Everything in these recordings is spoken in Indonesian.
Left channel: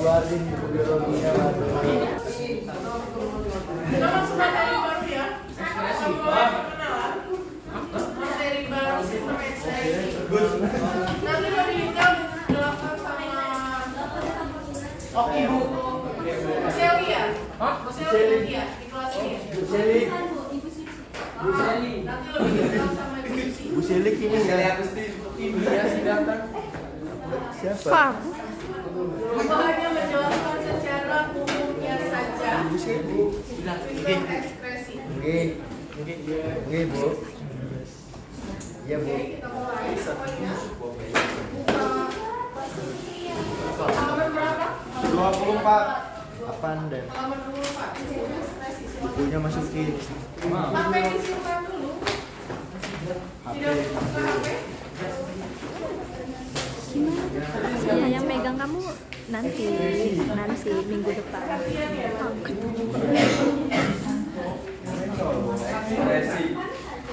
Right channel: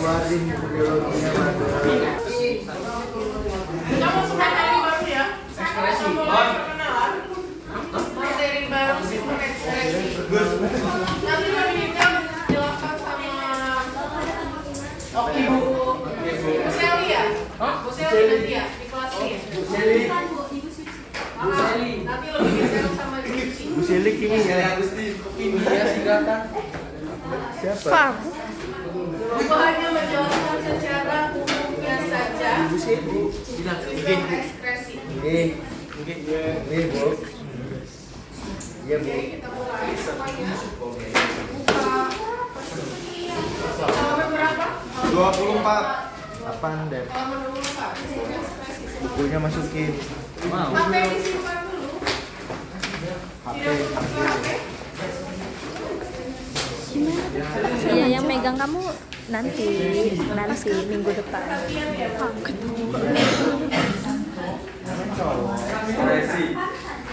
Keluarin biologinya Kamu suka dari baru ya? Ekspresi. Materi baru sistem ekspresi. Nanti kami jelaskan sama Oke Bu Seli ya? Bu Seli nanti ya di kelas ini. Bu Seli. Nanti lebih detail sama Bu Seli. Bu Seli kimia. Kimia singkatan. Siapa? Aku hanya menjelaskan secara umumnya saja sistem ekspresi. Oke, Bu. Iya, Bu. Jadi kita mulai semuanya. Buka halaman berapa? 24. Apaan deh? Halaman 24. Sistem ekspresi. Bukunya masukin. HP disimpan dulu. Tidak dibuka HP. Iya, yang megang kamu nanti minggu depan.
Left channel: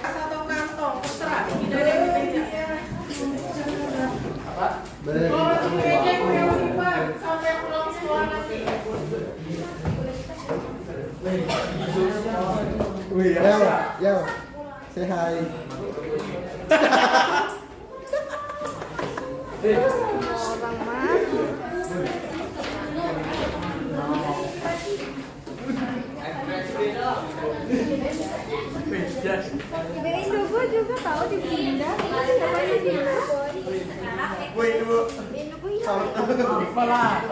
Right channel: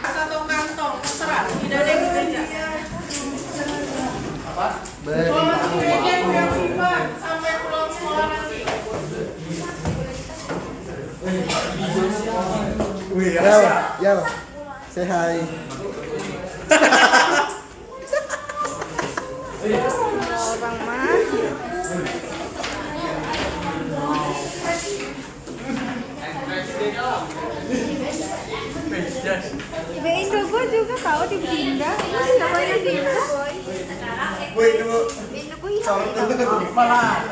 Satu kantong terserah, tidak ada yang di meja. Kalau masih di meja yang simpan sampai pulang sekolah nanti. Yo, say hi. Orang mah Ibu Indo juga tahu di Bunda. Namanya di Boy. Indo Boy. Malah.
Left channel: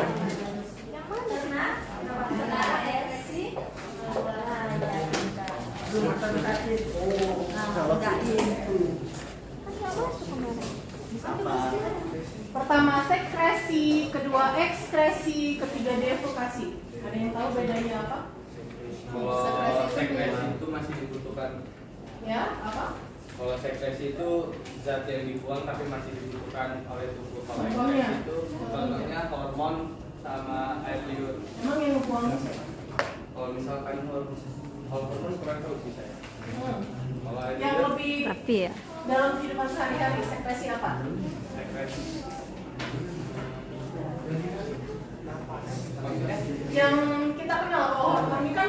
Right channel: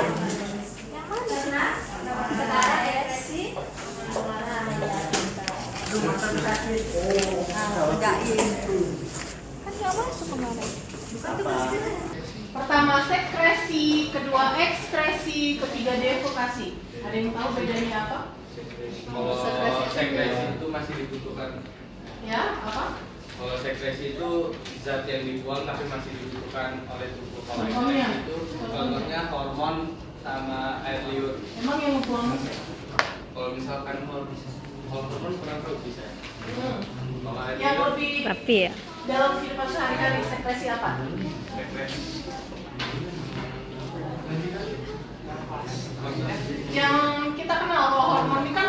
Pertama sekresi, kedua ekspresi, ketiga devokasi. Ada yang tahu bedanya apa? Kalau sekresi itu masih dibutuhkan. Ya, apa? Kalau sekresi itu zat yang dibuang tapi masih dibutuhkan oleh tubuh. Kalau Hormonnya. ekspresi itu contohnya hormon sama air liur. Emang yang buang? Kalau misalkan hormon kurang tahu sih saya. Kalau air Yang liur lebih Rapi ya. dalam kehidupan sehari-hari sekresi apa? sekresi. Yang kita kenal kalau hormon ini kan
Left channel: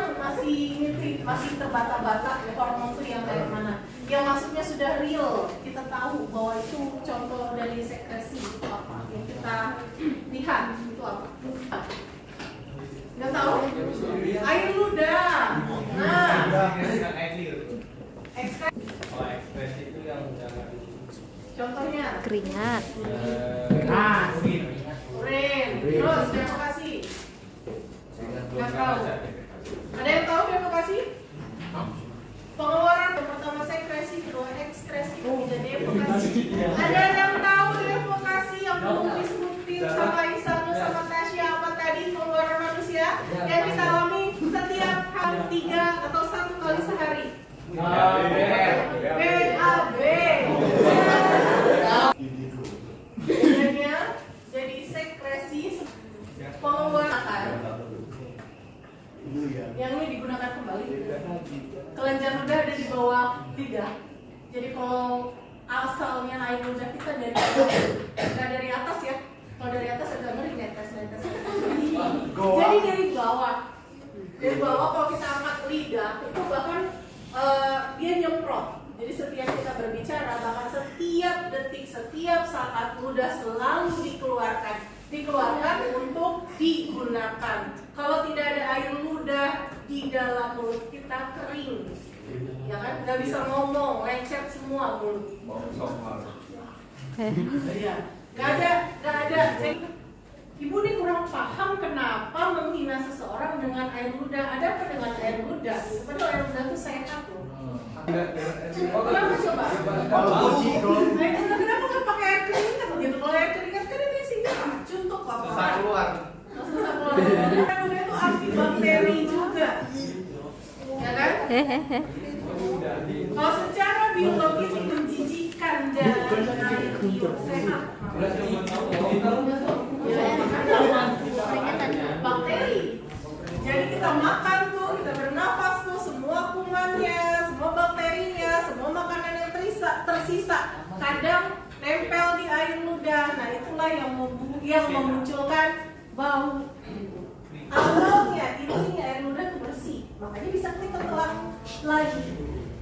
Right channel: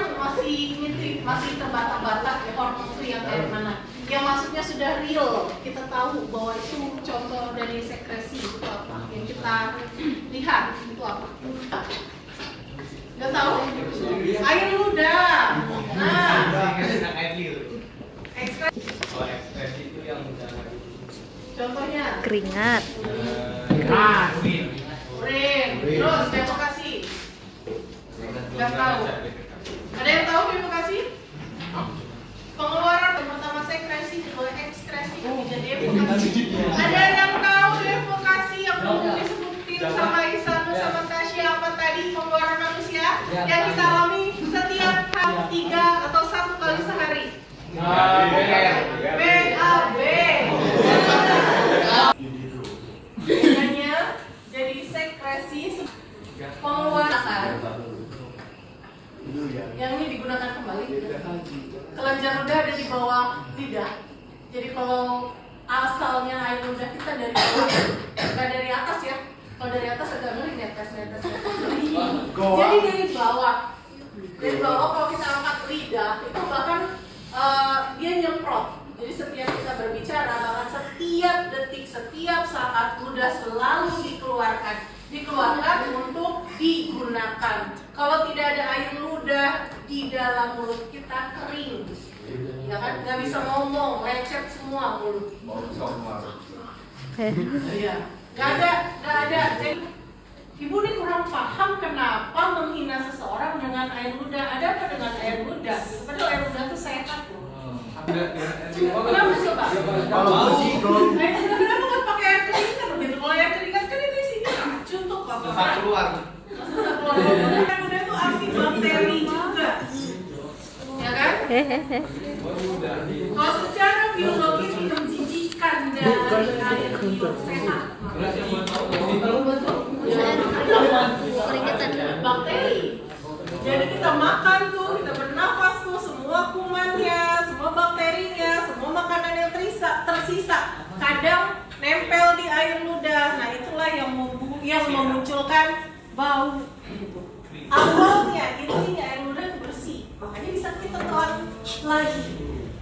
masih terbata-bata ya, hormon itu yang kayak mana. Yang maksudnya sudah real, kita tahu bahwa itu contoh dari sekresi itu apa. Yang kita lihat itu apa? Nggak tahu? Air ludah. Nah, Air liur. ekspresi. Kalau ekspresi itu yang udah Contohnya? Keringat. Urin. Terus devokasi. Nggak tahu. Ada yang tahu devokasi? Pengeluaran yang pertama sekresi, kedua ekskresi, ketiga devokasi. Ada yang tahu devokasi yang belum disebutin sama Isanu sama Tasya apa tadi pengeluaran manusia yang kita alami setiap hari 3 atau 1 kali sehari? BAB. Bedanya jadi sekresi pengeluaran yang ini digunakan kembali. Kelenjar ludah ada di bawah lidah. Jadi kalau asalnya air ludah kita dari bawah, bukan dari atas ya. Kalau dari atas agak ngeri nih tes. Jadi dari bawah. Dari bawah kalau kita angkat lidah itu bahkan dia nyemprot. Jadi setiap kita berbicara, bahkan setiap detik, setiap saat ludah selalu dikeluarkan untuk digunakan. Kalau tidak ada air ludah di dalam mulut kita kering, ya kan? Nggak bisa ngomong, lecet semua mulut. Iya, nggak ada. Jadi ibu ini kurang paham kenapa menghina seseorang dengan air ludah. Ada apa dengan air ludah? Padahal air ludah itu sehat loh. Kenapa coba? Kenapa nggak pakai air keringat begitu? Kalau air keringat kan itu isinya racun tuh kok. Susah keluar. Air ludah itu antibakteri juga, ya kan? Kalau secara biologi itu menjijikan dari air liur sehat. Betul. Keringetan. Bakteri. Jadi kadang nempel di air ludah. Nah itulah yang memunculkan bau. Awalnya intinya air ludah itu bersih, makanya bisa kita telan lagi.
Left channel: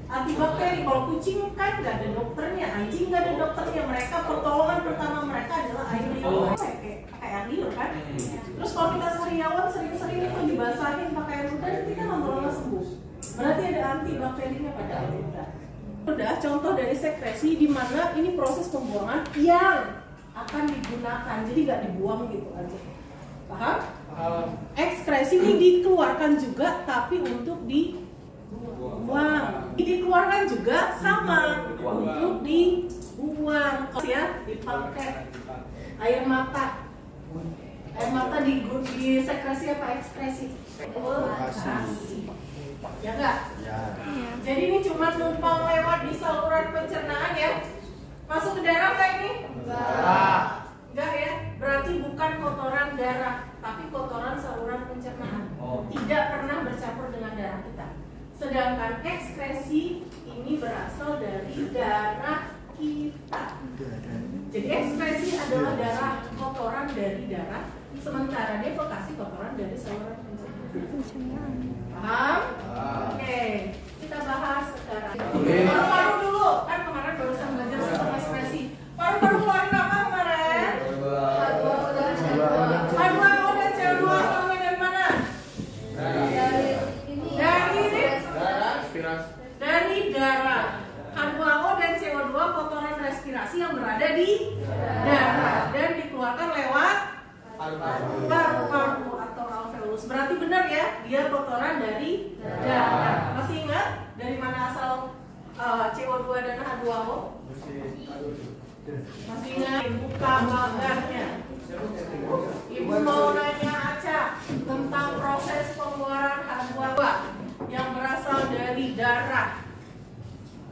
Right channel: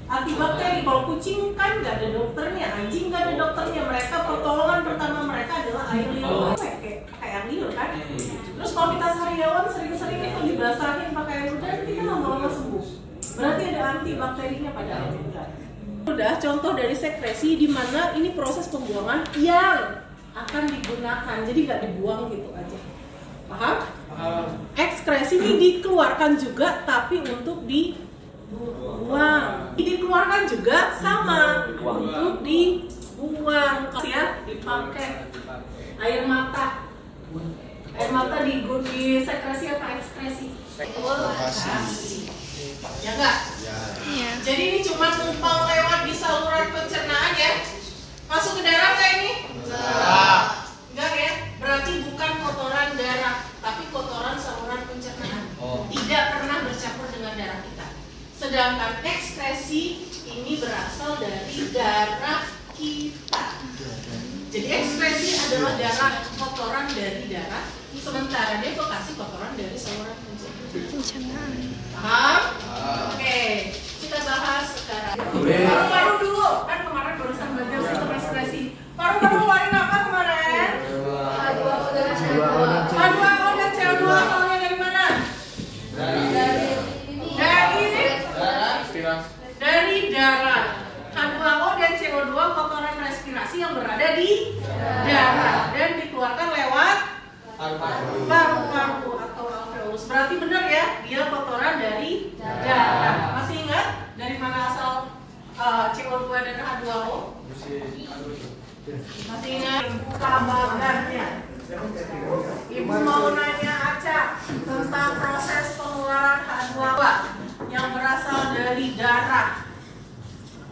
Antibakteri, kalau kucing kan nggak ada dokternya, anjing nggak ada dokternya. Mereka pertolongan pertama mereka adalah air liur, kayak air liur kan. Terus kalau kita sariawan sering-sering itu dibasahin pakai air ludah, kita lama-lama sembuh. Berarti ada antibakterinya pada air ludah. Udah contoh dari sekresi di mana ini proses pembuangan yang akan digunakan, jadi nggak dibuang gitu aja. Paham? Ekskresi ini dikeluarkan juga, tapi untuk dibuang. Dikeluarkan juga sama untuk dibuang. Ya, dipakai air mata. Air mata di sekresi apa ekskresi? Ya enggak? Iya. Jadi ini cuma numpang lewat di saluran pencernaan ya. Masuk ke darah nggak ini? Enggak ya? Berarti bukan kotoran darah, tapi kotoran saluran pencernaan. Tidak pernah bercampur dengan darah kita. Sedangkan ekskresi ini berasal dari darah kita. Jadi ekskresi adalah darah, kotoran dari darah, sementara defekasi kotoran dari saluran pencernaan. Paham? Oke, kita bahas sekarang. Paru-paru dulu, kan kemarin barusan belajar sistem ekskresi. Paru-paru keluarin apa kemarin? H2O dan CO2 asalnya dari mana? Dari darah. H2O dan CO2 kotoran respirasi yang berada di darah dan dikeluarkan lewat paru-paru atau alveolus. Berarti benar ya, dia kotoran dari darah. Masih ingat dari mana asal CO2 dan H2O? Masih ingat? Buka bagarnya. Ibu mau nanya Aca tentang proses pengeluaran H2O yang berasal dari darah.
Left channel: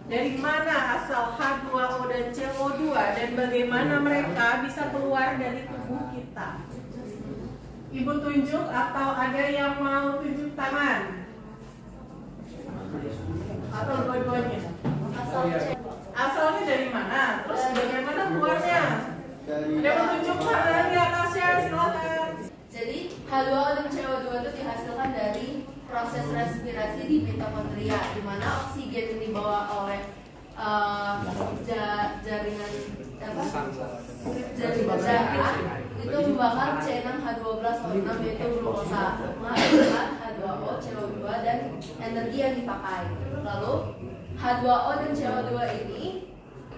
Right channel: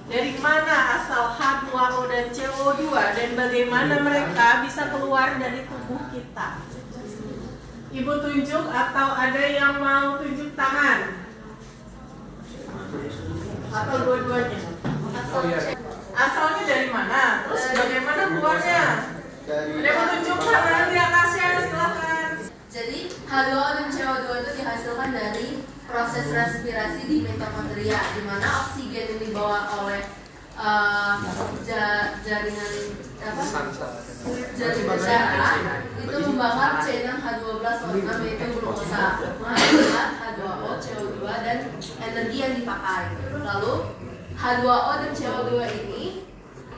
Dari mana asal H2O dan CO2 dan bagaimana mereka bisa keluar dari tubuh kita? Ibu tunjuk atau ada yang mau tunjuk tangan? Atau dua-duanya? Asalnya dari mana? Terus bagaimana keluarnya? Ada yang mau tunjuk tangan di atasnya? Silakan. Jadi H2O dan CO2 itu dihasilkan dari proses respirasi di mitokondria, di mana oksigen yang dibawa oleh jaringan darah itu membakar C6H12O6 yaitu glukosa, menghasilkan H2O, CO2 dan energi yang dipakai. Lalu H2O dan CO2 ini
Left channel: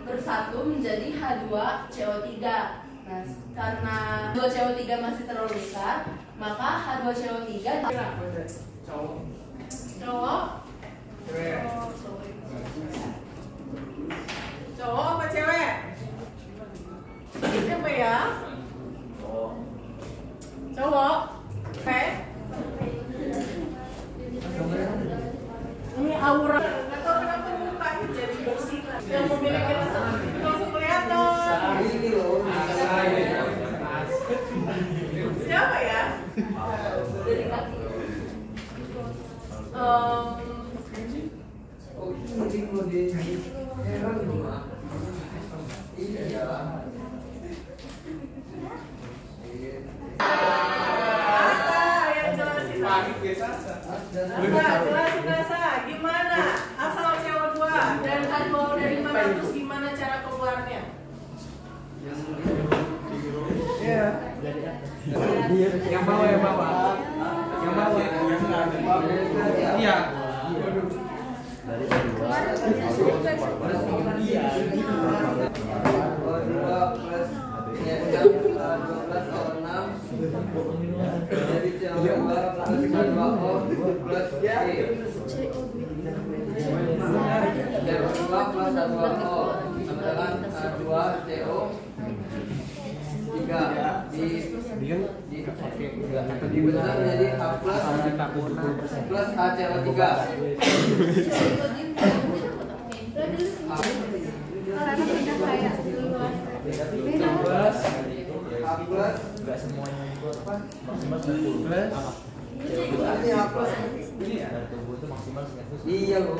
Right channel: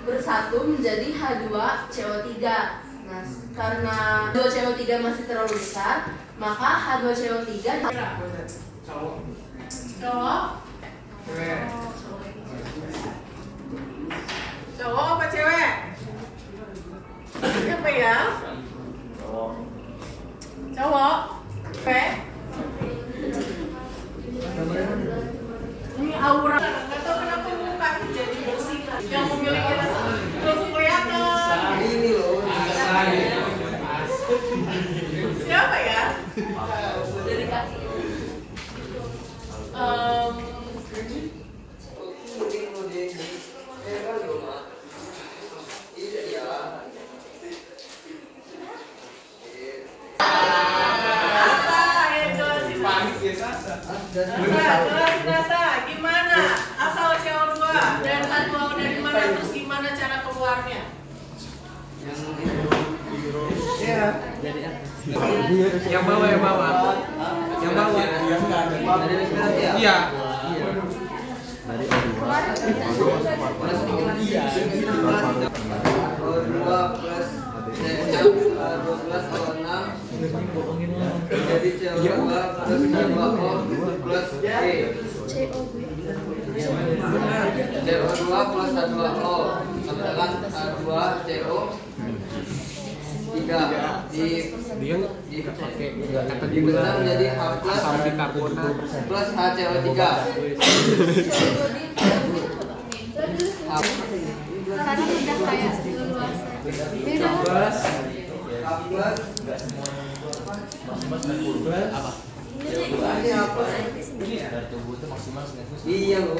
bersatu menjadi H2CO3. Nah, karena H2CO3 masih terlalu besar, maka H2CO3 Cowok apa cewek? Siapa ya? Cowok. Cewek. Ini aura. Nggak tahu kenapa mukanya jadi bersih. Yang memiliki rasa langsung kelihatan. Ini loh. Siapa ya? dari kaki. Jelasin gimana asal CO2 dan H2O dari mana, terus gimana cara keluarnya? Yang bawah. Iya. Jadi CO2 plus H2O plus E. CO2 plus H2O sama dengan H2CO 3 dibesar menjadi H plus plus HCO3. Karena udah kayak luas. H plus Enggak semuanya itu apa? Masing-masing 10. Apa? Dari tubuh itu maksimal 900. Iya loh.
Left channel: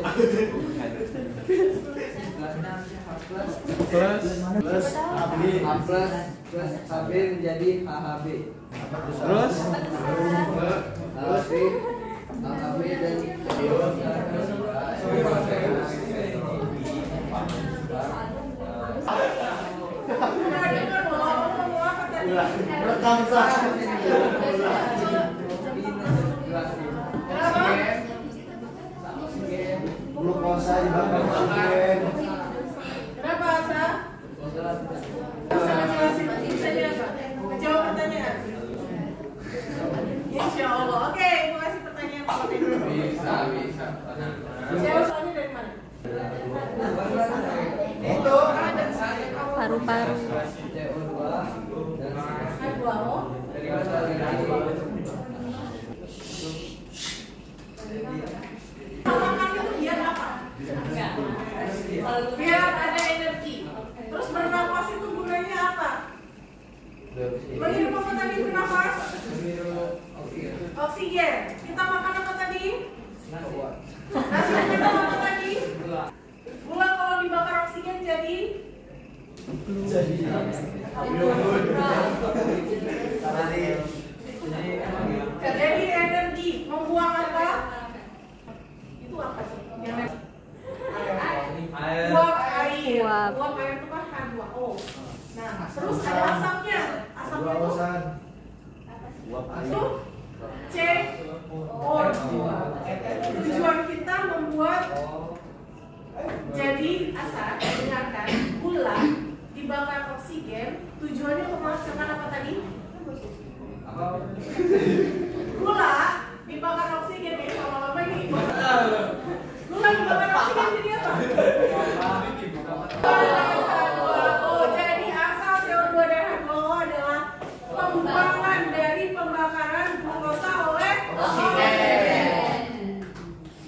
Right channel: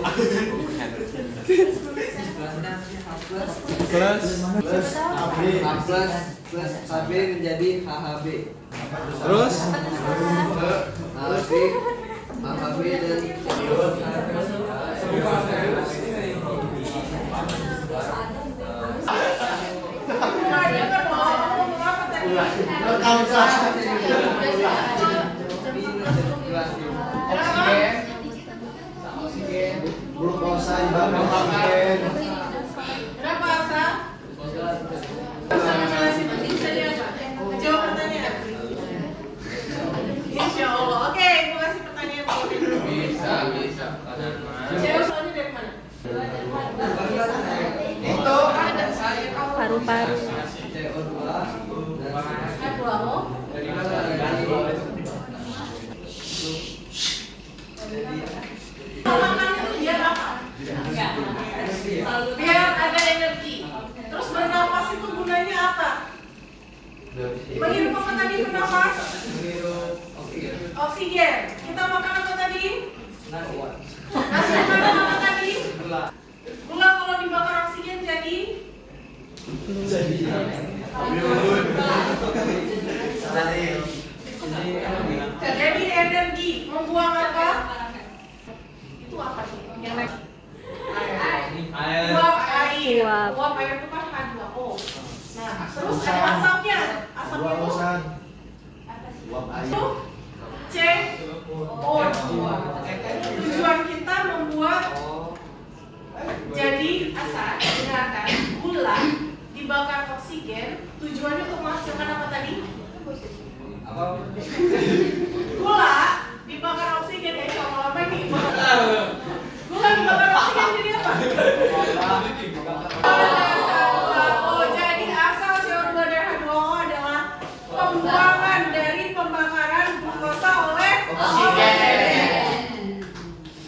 Plus AB. A plus HB menjadi HHB. Terus HHB dan rekam sah. Glukosa dibakar oksigen. Kenapa Asa? Bisa ngejelasin tulisannya apa? Jawab pertanyaan. Insya Allah. Oke, mau kasih pertanyaan Pak. Bisa. Jawab soalnya dari mana? Itu Paru-paru. Saya pulang. Makan itu biar apa? Biar ada energi. Terus bernapas itu gunanya apa? Menghirup apa tadi bernapas? Oksigen. Kita makan apa tadi? Nasi makan apa tadi? Gula kalau dibakar oksigen jadi? Jadi energi. Membuang apa? Itu apa tuh? Yang naik? Uap air. Uap air itu kan H2O. Nah, terus ada asapnya. Asapnya itu uapan. Uap air. CO2. Tujuan kita membuat jadi asap, dengarkan, gula dibakar oksigen. Tujuannya untuk menghasilkan apa tadi? Gula dibakar oksigen ya, kalau apa ini? Gula dibakar oksigen jadi apa? Oh, jadi asal CO2 dan H2O adalah pembuangan dari pembakaran glukosa oleh oksigen.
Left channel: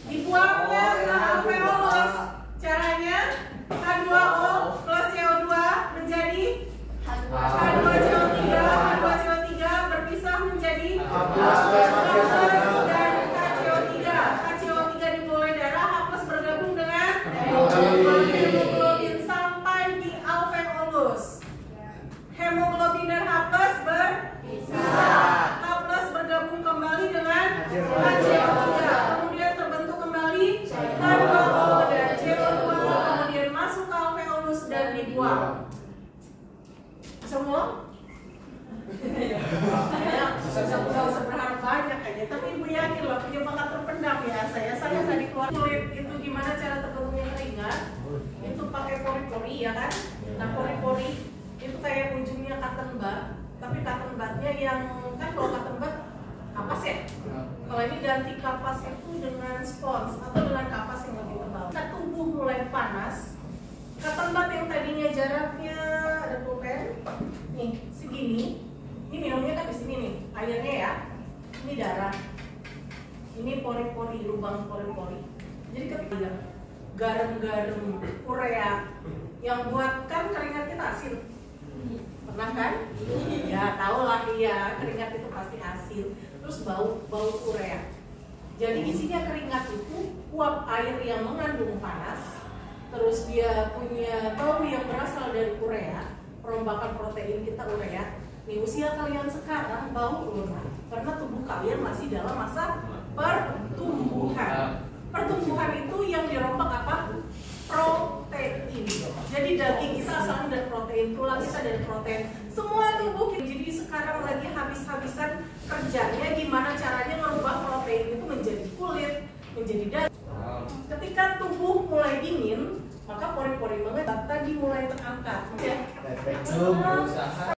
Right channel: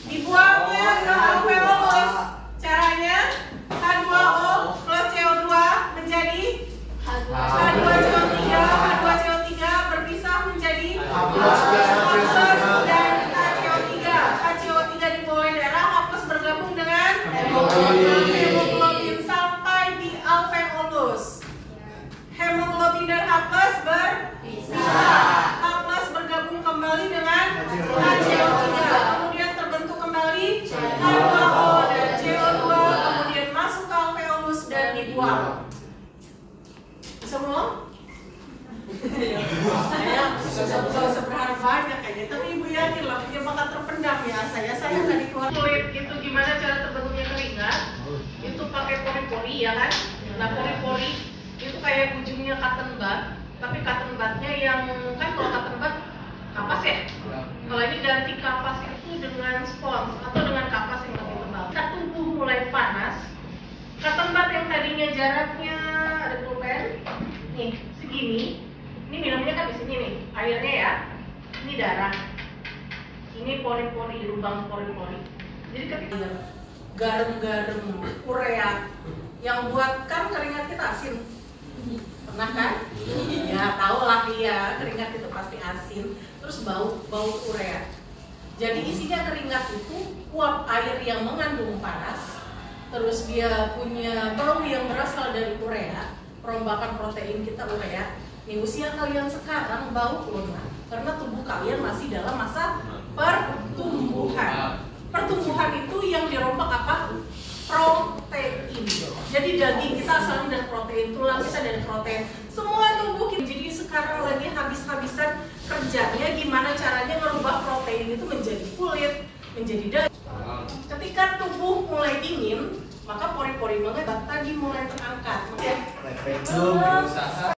Dibuangnya ke alveolus. Caranya H2O plus CO2 menjadi H2CO3. H2CO3 berpisah menjadi H dan HCO3. HCO3 di bawah darah, H plus bergabung dengan hemoglobin sampai di alveolus. Hemoglobin dan H plus berpisah. H plus bergabung kembali dengan HCO3. Kemudian terbentuk kembali H2O dan CO2. Kemudian masuk ke alveolus dan dibuang. Semua? Saya nggak seberharap banyak aja, tapi ibu yakin lah punya bakat terpendam ya. Saya tadi keluar kulit itu gimana cara terbentuknya keringat? Itu pakai pori-pori ya kan? Nah pori-pori itu kayak ujungnya cotton bud, tapi cotton budnya yang kan kalau cotton bud kapas ya. Kalau ini ganti kapas itu dengan spons atau dengan kapas yang lebih tebal. Kita tubuh mulai panas. Cotton bud yang tadinya jaraknya ada pulpen nih segini. Ini minumnya kan di sini nih, airnya ya. Ini darah. Ini pori-pori, lubang pori-pori. Jadi ketika garam-garam urea yang buatkan keringat kita asin. Pernah kan? Ya, tahu lah ya, keringat itu pasti asin. Terus bau urea. Jadi isinya keringat itu uap air yang mengandung panas. Terus dia punya bau yang berasal dari urea, perombakan protein kita urea. Di usia kalian sekarang bau lemah karena tubuh kalian masih dalam masa pertumbuhan. Pertumbuhan itu yang dirombak apa? Protein. Jadi daging kita asalnya dari protein, tulang kita dari protein. Semua tubuh kita. Jadi sekarang lagi habis-habisan kerjanya gimana caranya merubah protein itu menjadi kulit, menjadi daging. Ketika tubuh mulai dingin, maka pori-pori mengetat tadi mulai terangkat.